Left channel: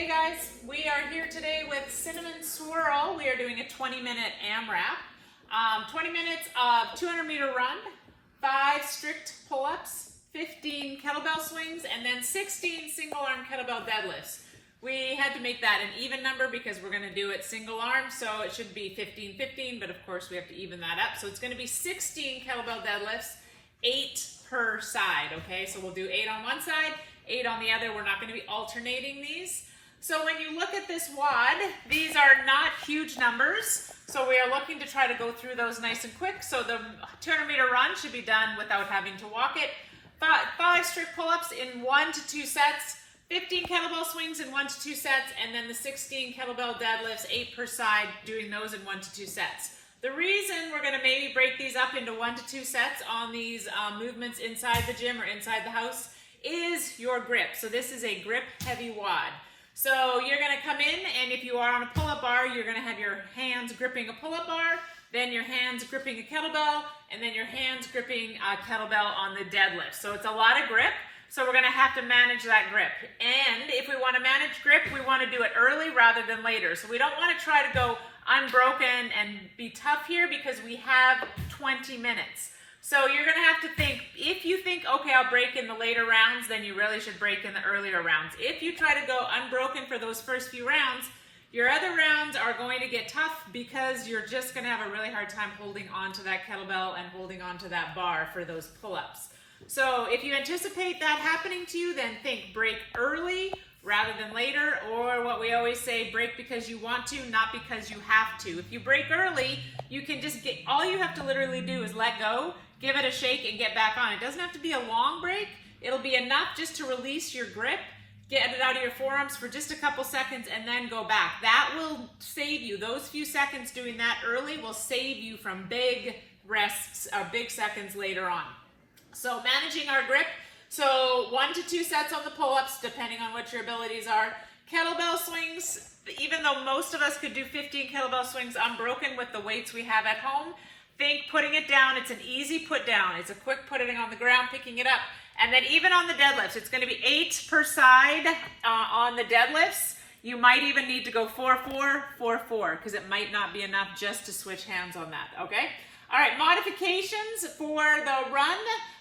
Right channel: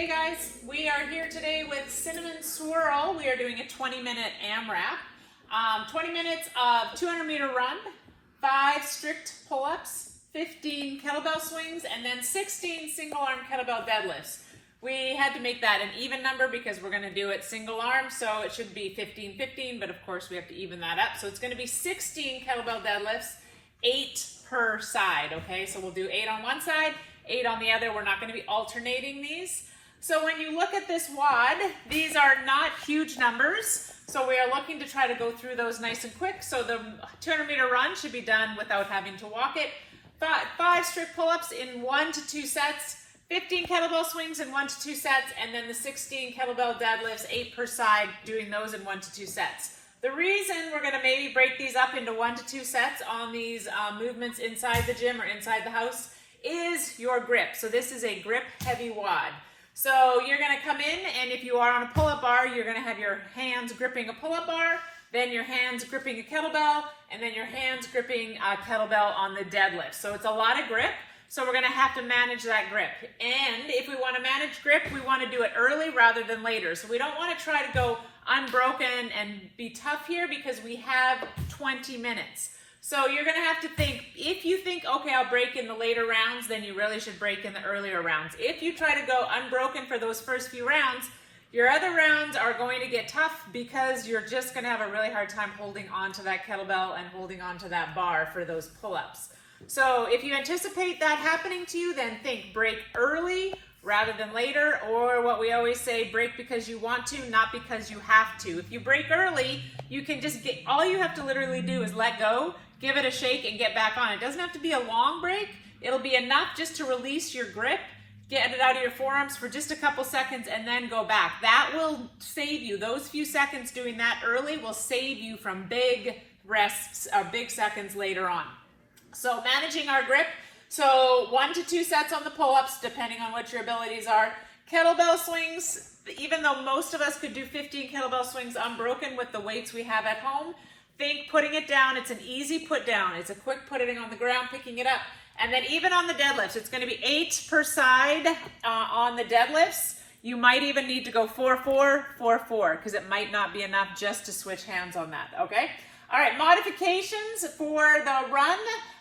Hey guys, we are here today with Cinnamon Swirl. We are doing a 20-minute AMRAP. 20 minutes of 200-meter run, 5 strict pull-ups, 15 kettlebell swings, and then 16 single-arm kettlebell deadlifts. We had to make that an even number because we're going to do it single arm, so it should be 15-15, but of course we have to even that up. So it's going to be 16 kettlebell deadlifts, 8 per side, okay? So we'll do 8 on one side, 8 on the other. We're not going to be alternating these. So when you look at this WOD, these are not huge numbers. So we are looking to try to go through those nice and quick. So the 200-meter run should be done without having to walk it. 5 strict pull-ups in 1 to 2 sets, 15 kettlebell swings in 1 to 2 sets, and then the 16 kettlebell deadlifts, 8 per side, doing those in 1 to 2 sets. The reason we're going to maybe break these up into 1 to 2 sets on these movements inside the gym or inside the house is your grip. So this is a grip heavy WOD. So you're going to come in, and if you are on a pull-up bar, you're going to have your hands gripping a pull-up bar, then your hands gripping a kettlebell, and then your hands gripping a kettlebell on the deadlift. So it's a lot of grip, so we're going to have to manage that grip. And if we want to manage grip, we want to do it early rather than later. So we don't want to try to go unbroken and be tough here because we have 20 minutes. So you're going to have to think, if you think, okay, I'll break in the later rounds, then you really should break in the earlier rounds. If you try to go unbroken for those first few rounds, your other rounds are going to get tough because you're just going to have a really hard time holding on to that kettlebell and holding on to that bar for those pull-ups. So if you anticipate that happening to you, then think break early rather than later, or what we always say, break because you want to, not because you have to. If you break early, you can just get, all you have to literally do is let go, give it a shake, and get back on. It doesn't have to be a long break. It'll be enough just to release your grip, get it out of your forearms for just a couple seconds, and then go back. That will save you. Those few seconds doing that early will save you from big rests, big seconds later on. So managing our grip, so 1 to 2 sets on the pull-ups, depending on what your abilities are. Kettlebell swings, even though most of us could do 15 kettlebell swings unbroken with the weights we have at home, think putting it down, it's an easy put down. It's a quick putting on the ground, picking it up. And then even on the deadlifts, it's going to be 8 per side on the deadlifts. You might even need to go 4-4, 4-4, because it might not be enough just to switch hands on that, okay? All right, modifications for the run.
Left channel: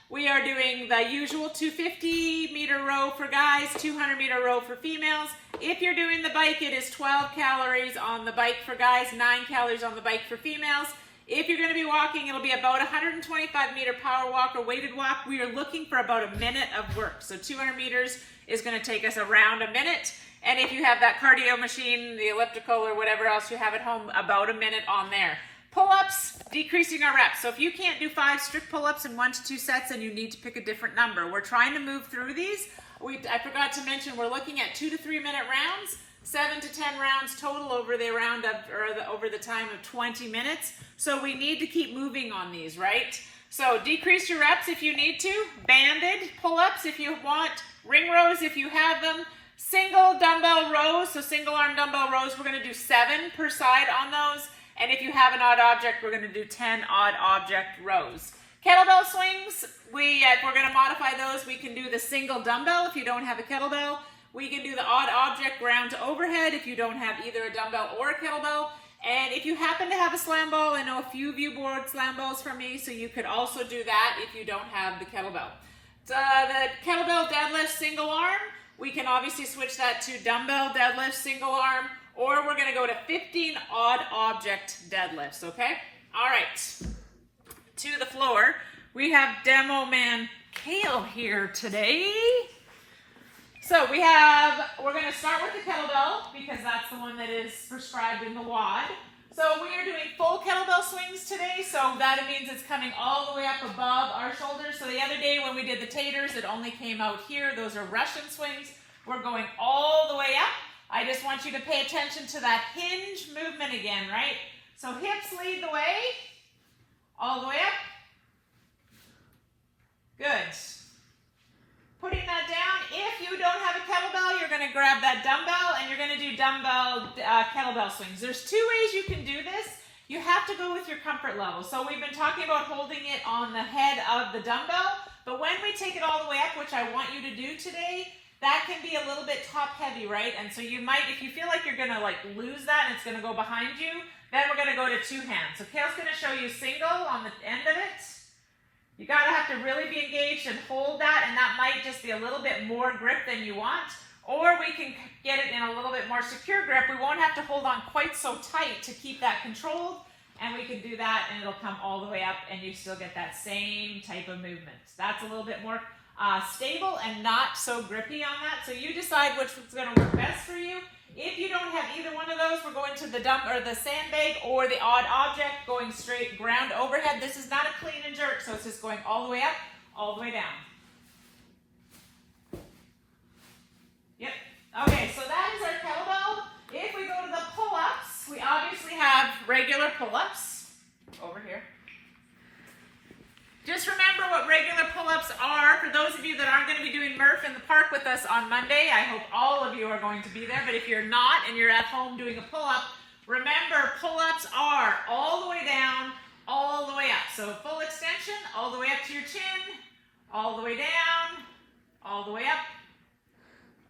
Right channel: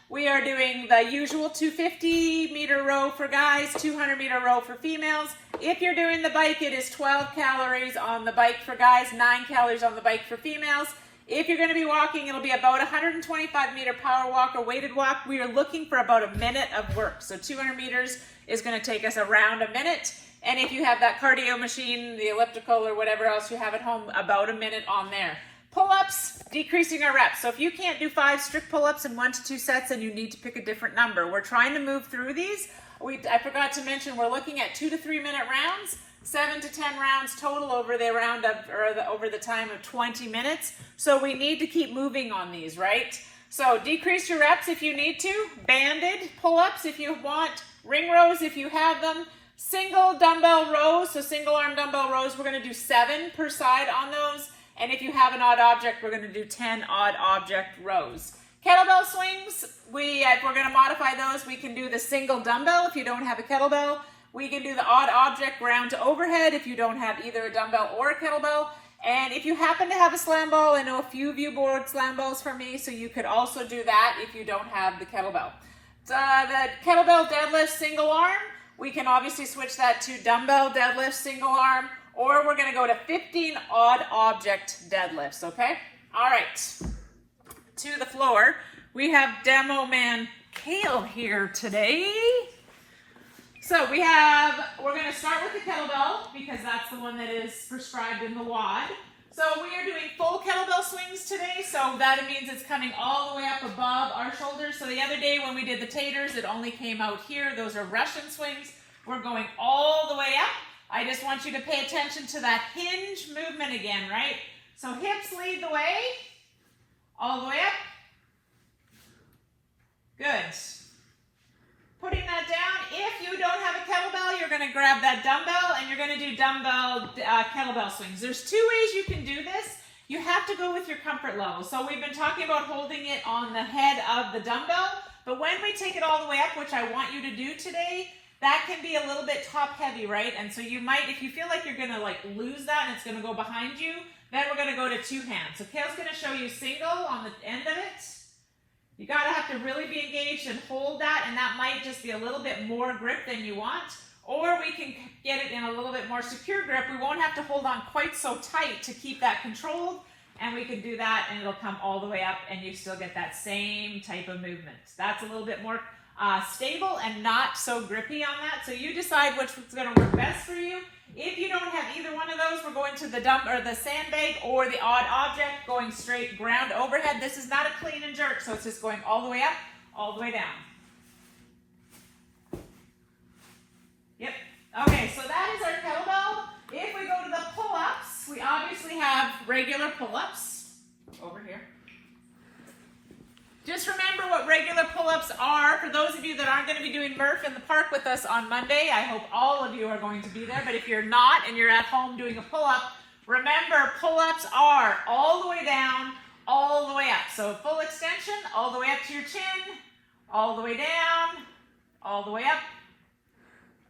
We are doing the usual 250-meter row for guys, 200-meter row for females. If you're doing the bike, it is 12 calories on the bike for guys, 9 calories on the bike for females. If you're going to be walking, it'll be about 125-meter power walk or weighted walk. We are looking for about a minute of work. So 200 meters is going to take us around a minute. And if you have that cardio machine, the elliptical or whatever else you have at home, about a minute on there. Pull-ups, decreasing our reps. So if you can't do 5 strict pull-ups in 1 to 2 sets, then you need to pick a different number. We're trying to move through these. I forgot to mention we're looking at 2 to 3 minute rounds, 7 to 10 rounds total over the round of, or over the time of 20 minutes. So we need to keep moving on these, right? So decrease your reps if you need to. Banded pull-ups if you want. Ring rows if you have them. Single dumbbell rows, so single arm dumbbell rows, we're going to do 7 per side on those. And if you have an odd object, we're going to do 10 odd object rows. Kettlebell swings, if we're going to modify those, we can do the single dumbbell if you don't have a kettlebell. We can do the odd object ground to overhead if you don't have either a dumbbell or a kettlebell. And if you happen to have a slam ball, I know a few of you borrowed slam balls from me, so you could also do that if you don't have the kettlebell. The kettlebell deadlift single arm, we can obviously switch that to dumbbell deadlift single arm, or we're going to go to 15 odd object deadlifts, okay? All right, to the floor. We have Demo Man Kale here today. So we're going to start with the kettlebell because that's the one that is prescribed in the WOD. So we are doing full kettlebell swings today, so that means it's coming all the way up above our shoulders. So the other day when we did the taters, it only came out here. Those are Russian swings. We're going all the way up. I just want you to pay attention to that hinge movement again, right? So hips lead the way, all the way up. Good. Putting that down. If you don't have a kettlebell, you're going to grab that dumbbell and you're going to do dumbbell kettlebell swings. There's 2 ways you can do this. You have to go with your comfort level. So we've been talking about holding it on the head of the dumbbell, but when we take it all the way up, which I want you to do today, that can be a little bit top heavy, right? And so you might, if you feel like you're gonna like lose that and it's gonna go behind you, then we're gonna go to two hands. So Kale's gonna show you single on the end of it. You gotta have to really be engaged and hold that, and that might just be a little bit more grip than you want. Or we can get it in a little bit more secure grip. We won't have to hold on quite so tight to keep that controlled, and we can do that and it'll come all the way up and you still get that same type of movement. That's a little bit more stable and not so grippy on that. So you decide which one's gonna work best for you. If you don't have either one of those, we're going to the dump or the sandbag or the odd object, going straight ground overhead. This is not a clean and jerk, so it's just going all the way up, all the way down. Yep. Okay, so that is our kettlebell. If we go to the pull-ups, we obviously have regular pull-ups over here. Just remember what regular pull-ups are. For those of you that aren't going to be doing Murph in the park with us on Monday, I hope all of you are going to be there. But if you're not and you're at home doing a pull-up, remember pull-ups are all the way down, all the way up. So full extension, all the way up to your chin, all the way down, all the way up,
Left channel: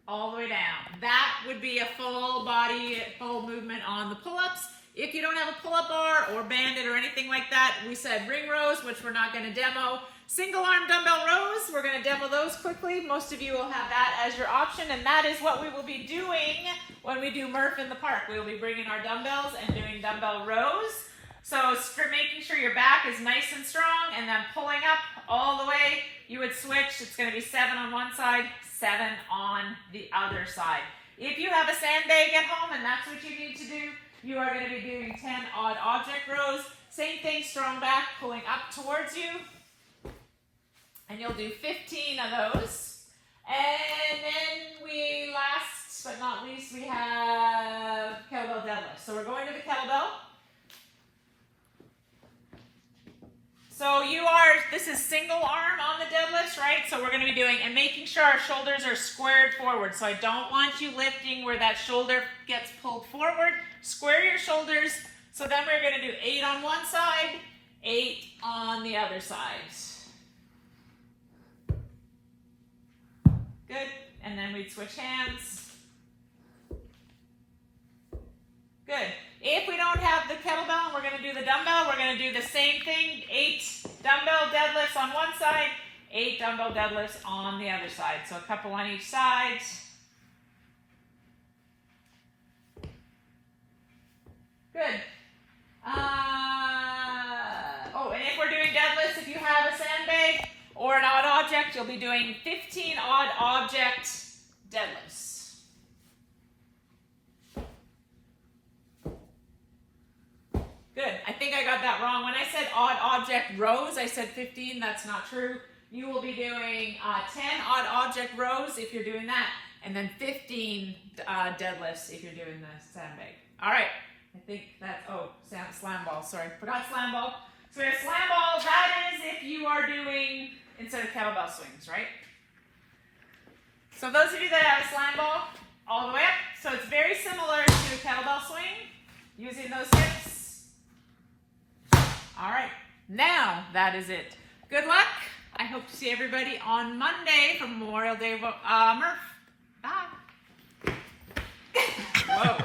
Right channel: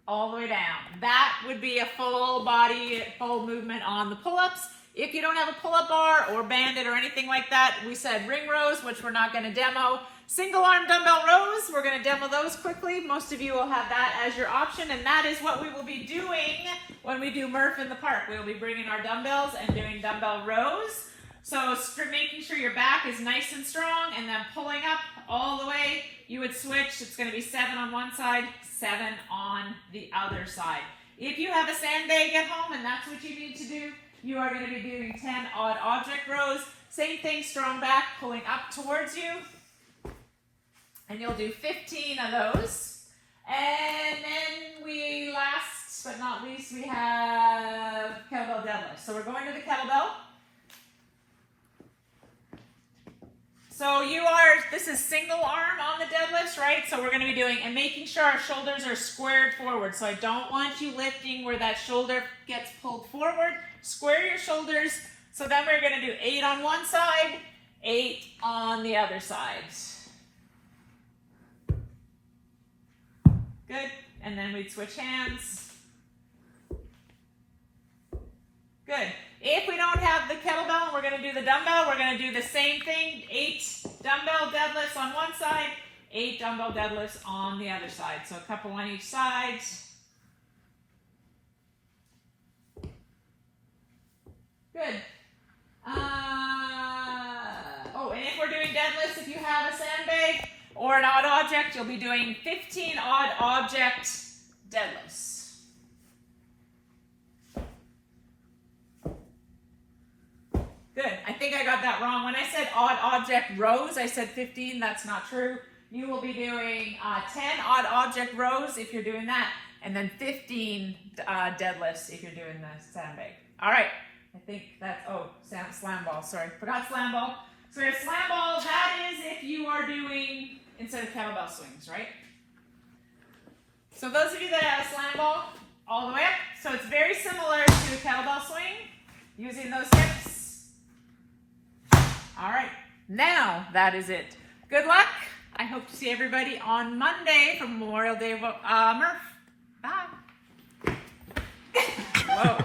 all the way down. That would be a full body, full movement on the pull-ups. If you don't have a pull-up bar or bandit or anything like that, we said ring rows, which we're not going to demo. Single arm dumbbell rows, we're going to demo those quickly. Most of you will have that as your option, and that is what we will be doing when we do Murph in the park. We'll be bringing our dumbbells and doing dumbbell rows. So for making sure your back is nice and strong, and then pulling up all the way, you would switch. It's going to be 7 on one side, 7 on the other side. If you have a sandbag at home and that's what you need to do, you are going to be doing 10 odd object rows. Same thing, strong back, pulling up towards you. And you'll do 15 of those. And then we, last but not least, we have kettlebell deadlift. So we're going to the kettlebell. So this is single arm on the deadlifts, right? So we're going to be doing, and making sure our shoulders are squared forward. So I don't want you lifting where that shoulder gets pulled forward. Square your shoulders. So then we're going to do 8 on one side, 8 on the other side. Good. And then we'd switch hands. Good. If we don't have the kettlebell and we're going to do the dumbbell, we're going to do the same thing. 8 dumbbell deadlifts on one side, 8 dumbbell deadlifts on the other side. So a couple on each side. Good. And if we're doing deadlifts, if you have a sandbag or an odd object, you'll be doing 15 odd object deadlifts. Good. I think I got that wrong. When I said odd object rows, I said 15. That's not true. You will be doing 10 odd object rows if you're doing that, and then 15 deadlifts if you're doing the sandbag. All right. I think that's, slam ball. Sorry. Forgot slam ball. So we have slam ball. That is if you are doing, instead of kettlebell swings, right? So those of you that have a slam ball, all the way up. So it's very similar to a kettlebell swing, using those hips. All right, now that is it. Good luck. I hope to see everybody on Monday for Memorial Day Murph. Bye. Whoa.